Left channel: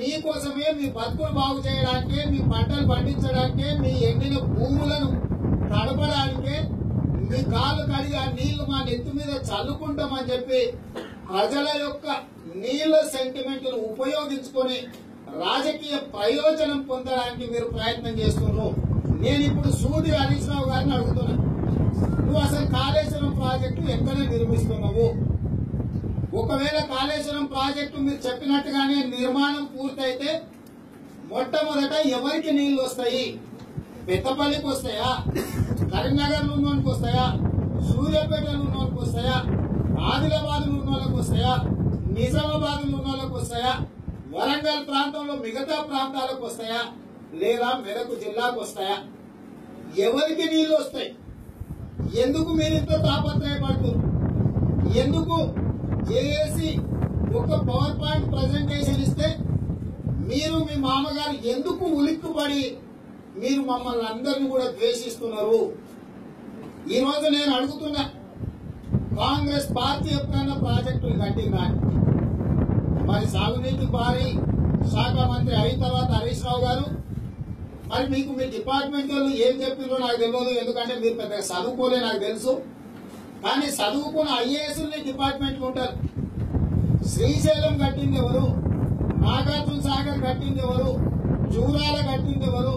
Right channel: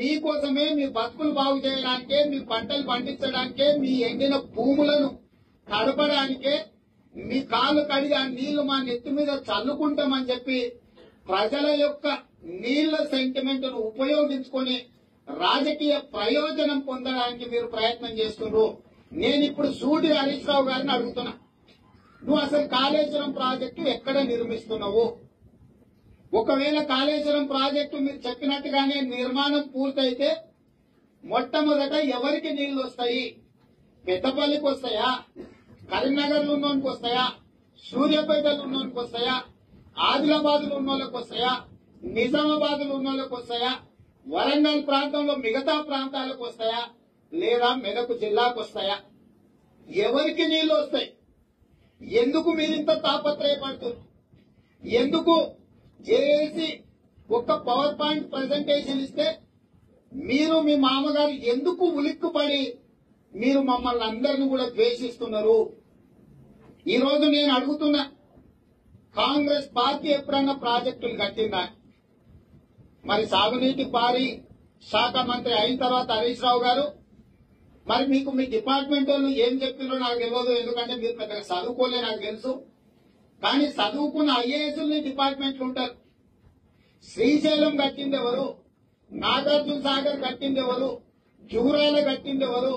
మీకోసమే, మీ బతుకులు బాగు చేయడానికే, మీ పంటలు పండించడానికే, మీ ఎండిన భూములను తడపడానికే, మీ కాళ్ళు కడిగి ఆ నీళ్లు మా నెత్తి మీద చల్లుకుంటామని చెప్పి ప్రజల యొక్క నీళ్ల సెంటిమెంట్ ను ఉపయోగించుకొని రాజకీయ ప్రయోజనం పొందడానికి మీరు ప్రయత్నం చేస్తున్నారు. నేను ఇప్పుడు సూటి హరీష్ రావు గారిని అడుగుతున్నా, నువ్వు అసలు కాళేశ్వరం ప్రాజెక్టు ఎక్కడ నిర్మిస్తున్నావు? ఒకవేళ కాళేశ్వరం ప్రాజెక్టు మీరు చెప్పినట్టుగానే నిర్మాణం పూర్తయితే మొట్టమొదట ఎవరికి నీళ్లు వస్తాయి? పెద్దపల్లికి వస్తాయా? కరీంనగర్ లో ఉన్నోనికి వస్తాయా? సూర్యాపేటలో ఉన్నోనికి వస్తాయా? ఆదిలాబాద్ లో ఉన్నోళ్ళకి వస్తాయా? నిజామాబాద్ లో ఉన్నోళ్ళకి వస్తాయా? వరంగల్ ప్రాంతంలో మిగతా ప్రాంతాలకు వస్తాయా? లేదా మెదక్ జిల్లాకు వస్తాయా? ఎవరికి నీళ్లు వస్తాయి? ఎందుకు మీరింత తాపత్రయపడుతున్నారు? ఎందుకు జేఏసీ ఒక పవర్ పాయింట్ ప్రజెంటేషన్ ఇస్తే మీరు మీ మామగారు ఎందుకు ఉలిక్కుపడి మీరు మమ్మల్ని అందరినీ కూడా ద్వేషిస్తున్నారు? ఈ రోజు నేను అడుగుతున్నా, కాంగ్రెస్ పార్టీ ఎప్పుడన్నా ప్రాజెక్టులు కట్టిందా? మరి సాగునీటి భారీ శాఖ మంత్రి అయిన తర్వాత హరీష్ రావు గారు, మరి మీకు మీ డిపార్ట్మెంట్ వాళ్ళు ఏం చెప్పినో నాకు తెలియదు, ఎందుకంటే మీరు పెద్దగా చదువుకోలే నాకు తెలుసు. కానీ చదువుకున్న ఐఏఎస్ని డిపార్ట్మెంట్లు ఉంటారు. శ్రీశైలం కట్టింది ఎవరు? నాగార్జున సాగర్ కట్టింది ఎవరు? జూరాల కట్టింది ఎవరు?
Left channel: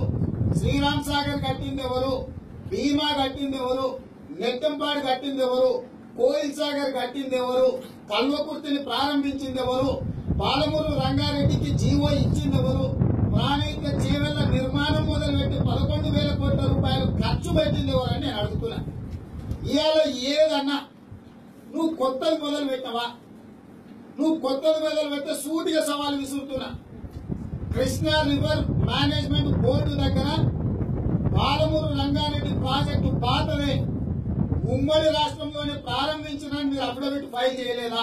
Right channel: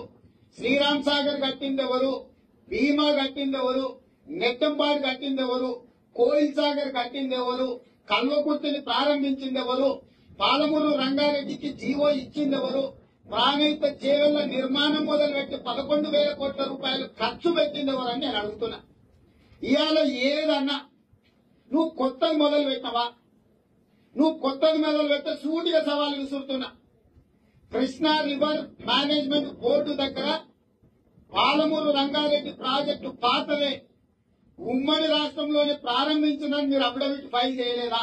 శ్రీరామ్ సాగర్ కట్టింది ఎవరు? భీమా కట్టింది ఎవరు? నెట్టంపాడు కట్టింది ఎవరు? కోయిల్ సాగర్ కట్టింది ఎవరు? కల్వకుర్తిని ప్రారంభించింది ఎవరు? పాలమూరు రంగారెడ్డికి జీవో ఇచ్చింది ఎవరు? ప్రాణహిత చేవెళ్ల నిర్మాణం మొదలుపెట్టి 11,000 కోట్ల రూపాయలు ఖర్చు పెట్టింది ఎవరని నేను అడుగుతున్నా. ఇవాళ ఏదన్నా నువ్వు కొత్తది మొదలు పెట్టవా? నువ్వు కొత్తది మొదలు పెట్టే సూటిగా సవాలు విసురుతున్నా. కృష్ణా రివర్ మేనేజ్మెంట్ బోర్డు దగ్గర పాలమూరు రంగారెడ్డి ప్రాజెక్టు పాతదే, ఉమ్మడి రాష్ట్రంలోనే ప్రారంభించిందని మీరు అఫిడవిట్ ఫైల్ చేయలేదా?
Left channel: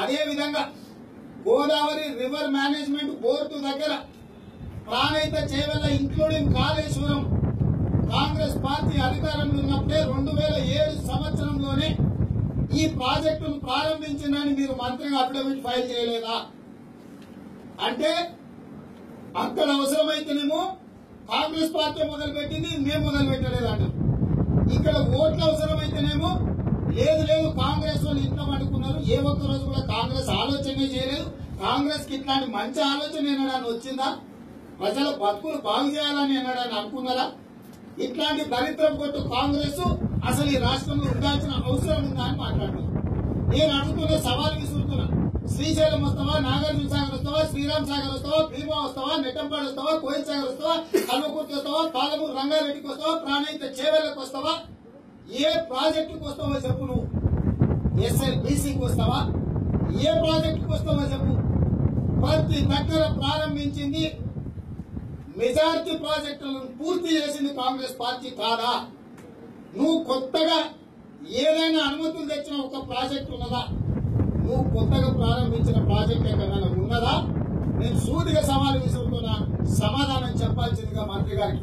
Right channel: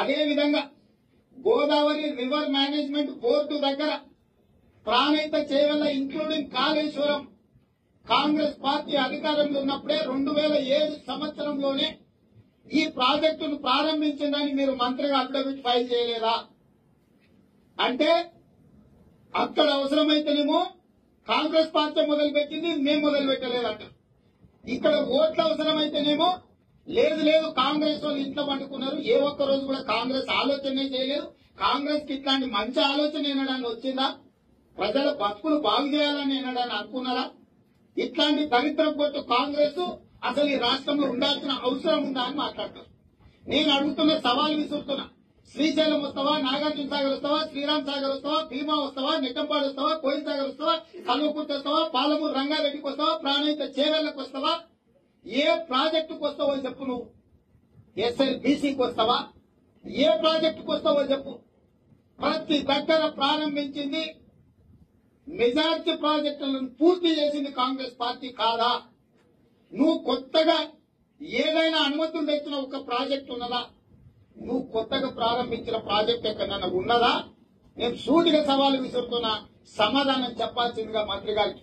అదేవిధంగా గోదావరి రివర్ మేనేజ్మెంట్ బోర్డు దగ్గర ప్రాణహిత చేవెళ్ల ఇంక్లూడింగ్ కాళేశ్వరం కాంగ్రెస్ పార్టీ అధికారంలో ఉన్నప్పుడే 2007 సంవత్సరంలోనే ఈ ప్రాజెక్టును ప్రారంభించిందని మీరు మంత్రిగా అఫిడవిట్ ఫైల్ చేయలేదా? అంటే అక్కడ అవసరమైతేనేమో కాంగ్రెస్ పార్టీ మొదలుపెట్టింది, మేము మొదలు పెట్టలేదంట. ఇక్కడ ఓట్ల అవసరమైతేనేమో లేదు లేదు కాంగ్రెస్ వాళ్ళు ఇంట్లో పండుకున్నారు, ఏ ఒక్క రోజు కూడా కాంగ్రెస్ ఆలోచనే చేయలేదు. కాంగ్రెస్ కి ఇట్లాంటి మంచి ఆలోచన ఎన్నడాన్ని వచ్చిందా? ప్రజల బతుకులు బాగు చేయాలని ఎన్నడాన్ని అనుకున్నారా? ఇట్లాంటి దరిద్రం కొట్టు కాంగ్రెస్ అసలు ఈ రాష్ట్రంలో ఉండాల్సిన అవసరం ఉందా అని మాట్లాడుతున్నారు. నేను అడుగుతున్న సవాల్ విసురుతున్నా. శ్రీశైలం వస్తావా? నాగార్జున సాగర్ వస్తావా? శ్రీరామ్ సాగర్ వస్తావా? భీమా వస్తావా? నెట్టంపాడు వస్తావా? కోయిల్ సాగర్ వస్తావా? కల్వకుర్తి వస్తావా? పాలమూరు రంగారెడ్డికి వస్తావా? ప్రాణహిత చేవెళ్లకు వస్తావా? ఏ ప్రాజెక్టుకు వస్తావో చెప్పు. నువ్వు ఎస్ఎల్బీసీకి వస్తావా? ఏ ప్రాజెక్టుకు వస్తావో చెప్పు. ప్రతి దగ్గర ప్రారంభించింది, మెజార్టీ ప్రాజెక్టులను పూర్తి చేసింది కాంగ్రెస్ పార్టీ కాదా? నువ్వు కొత్తగా ఏదైనా అనుమతులు తెచ్చిన ఒక ప్రాజెక్టు ఉన్నదా? నువ్వు కొత్తగా ప్రారంభించిన ప్రాజెక్ట్ ఎక్కడన్నా ఉన్నదా? నేను సూటిగా సవాలు విసురుతున్నా, సమాధానం చెప్పాల్సిందిగా మంత్రి గారికి.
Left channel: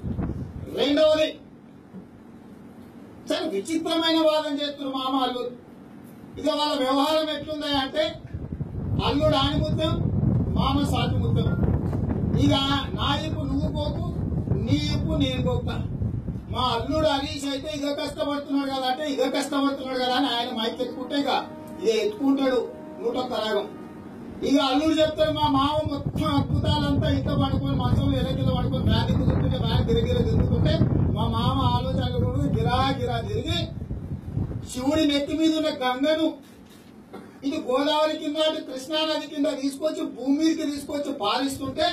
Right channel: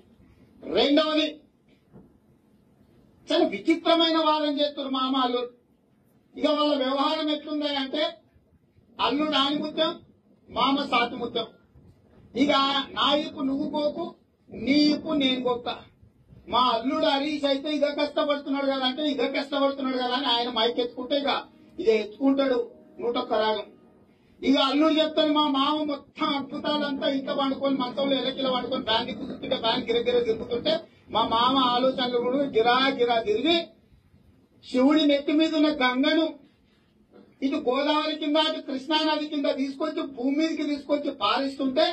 రెండవది, చాలా విచిత్రమైన వాదన చేస్తున్నారు మామ అల్లుడు. ఇక వాళ్ళ వ్యవహారం ఎట్లుందా అంటే అల్లుడు ఆణిముత్యం, మామ సాతిముత్యం. ఇక నా ఇప్పు నువ్వు కోకు, నీ ఇప్పు నేను కోకుతా. మా అల్లుడు హరీష్ అయితే ఇక కష్టపడుతున్నాడు కదా అంటే ఇక కష్టపడుతున్నాడు కదా అని ఆయన మైక్ ఎత్తుకుంటే ఇక ఇదే ఎత్తుకుంటాడు 101 రాగం. ఇక అల్లుడు చెప్తాడు మా మామ మొత్తం అద్భుతాలంతా ఇట్లా పండుకొని మంచంలో ఎలకిలో పండుకొని ఫ్యాన్ దిక్కుతుంటే ఫ్యాన్ గిరగిర తిరుగుతుంటే మా మామ ఆలోచనలు గిరా గిరా తిరిగి శివుడి నెత్తి మీద ఉన్న గంగను ఇటు గోదావరి కింద ఇటు కృష్ణానది కింద తీసుకొచ్చి భూమి మీదకి తీసుకొచ్చి పారిస్తుంటే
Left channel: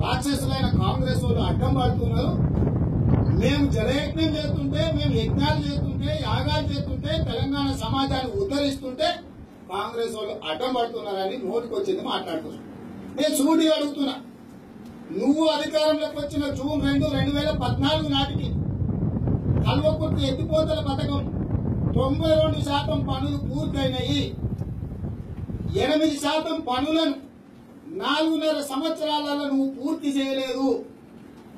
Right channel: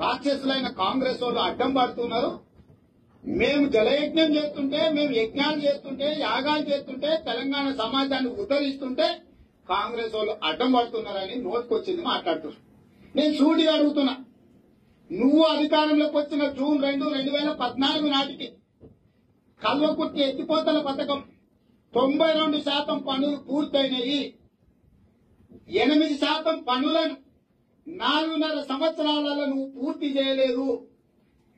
రాక్షసులైన కాంగ్రెస్ వాళ్ళు అడ్డం పడుతున్నారు. మేము జలయజ్ఞం చేస్తుంటే, మేము యజ్ఞాలు చేస్తుంటే, యాగాలు చేస్తుంటే, తెలంగాణ సమాజాన్ని ఉద్ధరిస్తుంటే కాంగ్రెస్ వాళ్ళు అడ్డం పడుతున్నారని నోటికొచ్చింది మాట్లాడుతున్నారు. నేను సూటిగా అడుగుతున్నా, నువ్వు అధికారంలోకి వచ్చిన జూన్ 2, 2014 నాటికి కల్వకుర్తి ఎత్తిపోతల పథకం 92% పనులు పూర్తయినాయి. 8% పనులను 4.5 సంవత్సరాలలో నువ్వు పూర్తి చేయలేదు.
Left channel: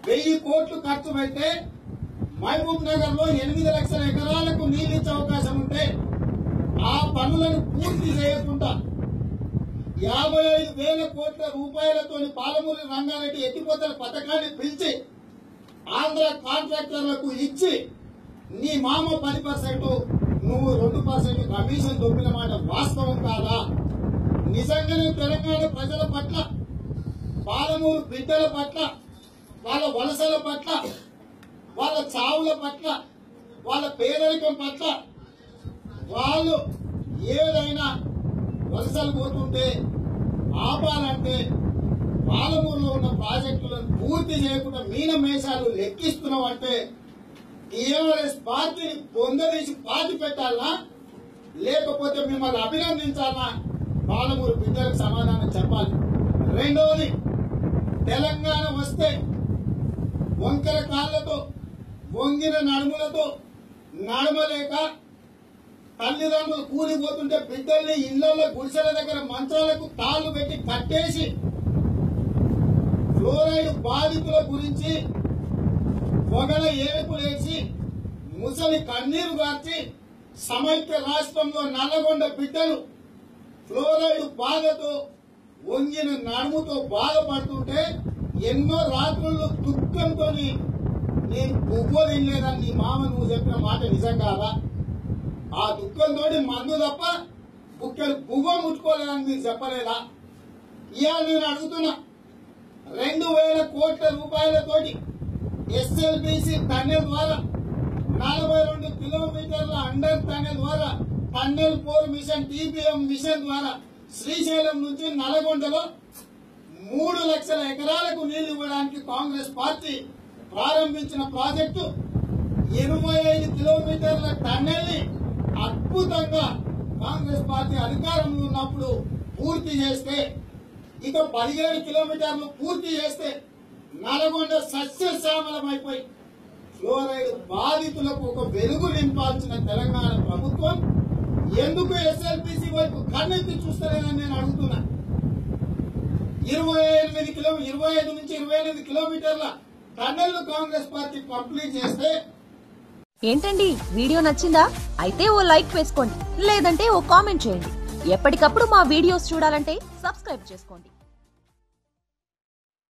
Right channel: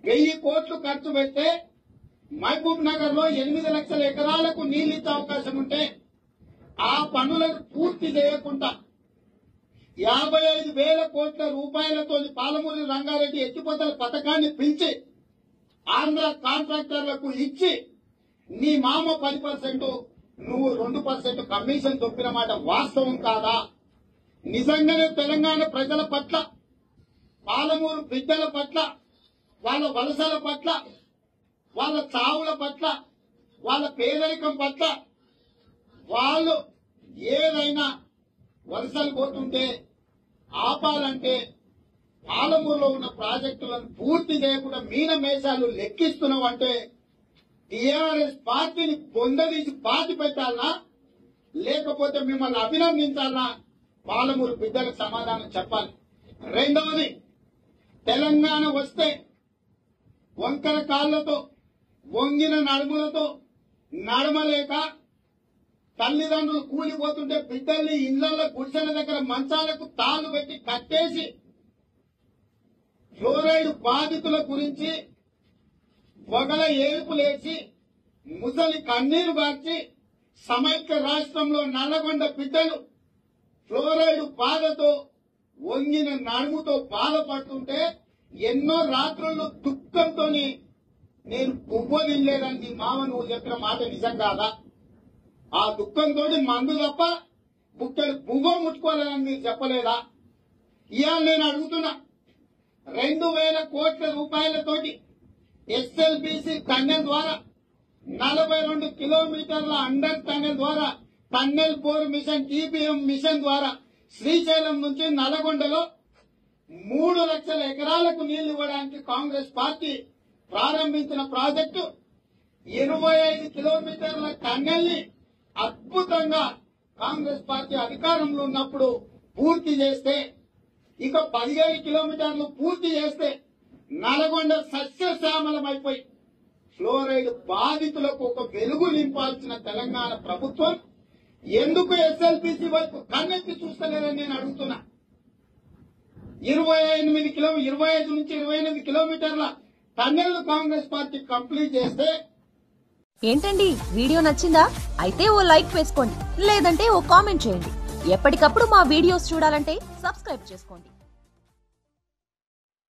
1000 కోట్లు ఖర్చు పెడితే మహబూబ్ నగర్ లో 8 లక్షల ఎకరాలకు నీళ్లిచ్చే అవకాశం ఉంటే ఆ పనులను పూర్తి చేయకుండా 55,000 కోట్ల రూపాయలతోని పాలమూరు రంగారెడ్డి ఎత్తిపోతల పథకాన్ని పిలిచి ఆంధ్ర కాంట్రాక్టర్లకు ఇచ్చి నీ మామ 10%, నువ్వు 2% కమిషన్ దొప్పిన మాట వాస్తవం కాదా? నిజంగానే తెలంగాణ ప్రజల పట్ల, పాలమూరు బిడ్డల పట్ల, వాళ్ళ వలసల పట్ల, వాళ్ళ చావుల పట్ల, వాళ్ళ పేదరికం పట్ల వాళ్ళు ఏదైనా వలసలు పోతుంటే ఆపాలంటే పాలమూరులో ఉన్న ప్రాజెక్టులను పూర్తి చేయకుండా మీనమేషాలు లెక్కిస్తున్నావంటే టీఆర్ఎస్ పార్టీని పొందదీసి పాతి పెట్టాలా, లేకపోతే మిమ్మల్ని అభినందించాలా? పాలమూరు బిడ్డలకు సమాధానం చెప్పాలి. రెండవది, తెలంగాణ వస్తే వంకర కాళ్లతో, వంగిన నడుములతో నడమలేక తల్లిదండ్రులు కూలిపోతుంటే బిడ్డల్ని ఇళ్లలో గుడిసెల దగ్గర మంచాలకు తాళ్లు పెట్టి కట్టేసి ఫ్లోరైడ్ బాధితుల గురించి పొగల ఏడుపులేసి ముసలి కన్నీరు గార్చి సమైక్య రాష్ట్రంలో నల్లగొండ బిడ్డలు ఫ్లోరైడ్ బాధతో, వంగిన నడుముతో బాధపడుతుంటే ఎన్నో రాత్రుల్లో దుఃఖంతో నేను బువ్వ తినలేదని నీ మామ నువ్వు చెప్పిన మాట నిజం కాదా? ఆ దుఃఖంతో మందు తప్ప బుక్కలు బువ్వ ముట్టుకోలేదని మీరు చెప్పలేదా? ఇవాళ నేను అడుగుతున్నా, 2,000 కోట్ల రూపాయలతోటి ఎస్ఎల్బిసి టన్నెల్ ద్వారా 42 కిలోమీటర్ల అండర్ టన్నెల్ ద్వారా టన్నెల్ 4 మిషన్, టీబీఎం మిషన్ ద్వారా శ్రీశైలం నుంచి నల్గొండలో 3 లక్షల ఎకరాలకు నీళ్లు ఇవ్వడానికి కాంగ్రెస్ పార్టీ ప్రారంభించిన ప్రాజెక్టు 25 కిలోమీటర్ల టన్నెల్ ని అద్భుతంగా కాంగ్రెస్ పార్టీ అధికారంలో ఉన్నప్పుడు పూర్తి చేస్తే, ఇక 17 కిలోమీటర్లు పూర్తి చేస్తే నల్గొండ సస్యశ్యామలమైపోయి ఫ్లోరైడ్ బాధితులకు ఒక వెలుగు నింపాల్సిన తెలంగాణ ప్రభుత్వం ఎందుకు ఎస్ఎల్బిసి వైపు కన్నెత్తి చూస్తలేదని నేను అడుగుతున్నా. 25 నుంచి 28 కిలోమీటర్ల టన్నెల్ కాంగ్రెస్ పార్టీ కంప్లీట్ చేస్తే. ఏంటండి, వీడియో నచ్చిందా? అయితే ఓ లైక్ వేసుకోండి, లేదంటే ఓ కామెంట్ చేయండి. ఎప్పటికప్పుడు మా వీడియోస్ చూడాలంటే సబ్స్క్రైబ్ చేసుకోండి.